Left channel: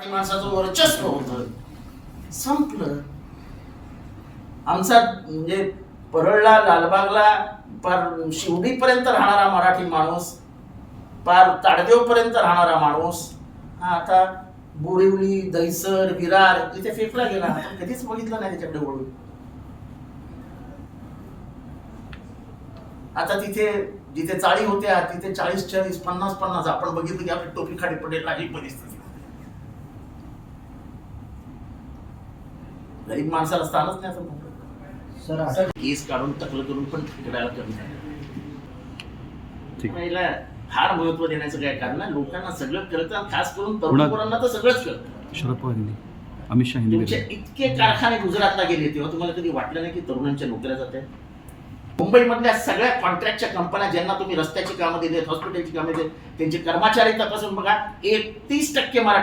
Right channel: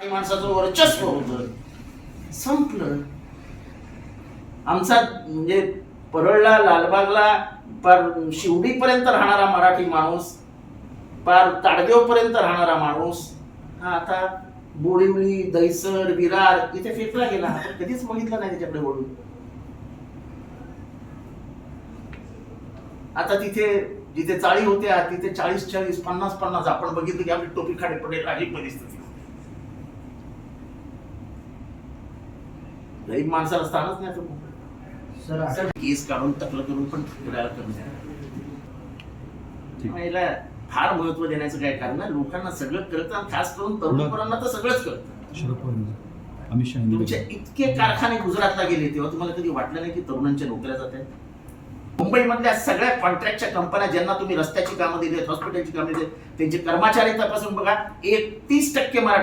माणसाचं वर्चस्व होतं, संपलं. आमचा म्हणजे परळला, लालबागला, पार शिवडीपर्यंत राहणारा मराठी माणूस, पार ताडदेवपर्यंत राहणारा माणूस हा आता बोरिवली, दहिसर, विरार इथे फेकला गेला. आपण कधीच बघितलं नाही त्याच्याकडे वळून. आता तिथे जिथे चाळी होत्या तिथे 40-40, 50-50 आपण बघितलं की आपली टोपी खाली पडेल अशी परिस्थिती. गरीब माणसाला स्थानच नाही तर केस काढून टकलं करून पण फिरायला कमी. फार महत्व देण्याचं काय कारण नाही. लोकांना सगळं कळतं, खास करून तरुण पोरांना तर सगळंच कळतं. शरद पवारांनी, अमित शहा तुमचे इतके कारखाने गुजरातला गेले तेव्हा तुम्हाला कधी वाटलं नाही की तरुणांच्या नोकऱ्या जात आहेत? मुंबईमधल्या सगळ्या कॉन्ट्रॅक्टच्या कंपन्या ज्यांना तुम्ही रस्त्याची कामं दिली, हॉस्पिटलची कामं दिली, त्यांचे कर्मचारी तपासून बघा, 31% मराठी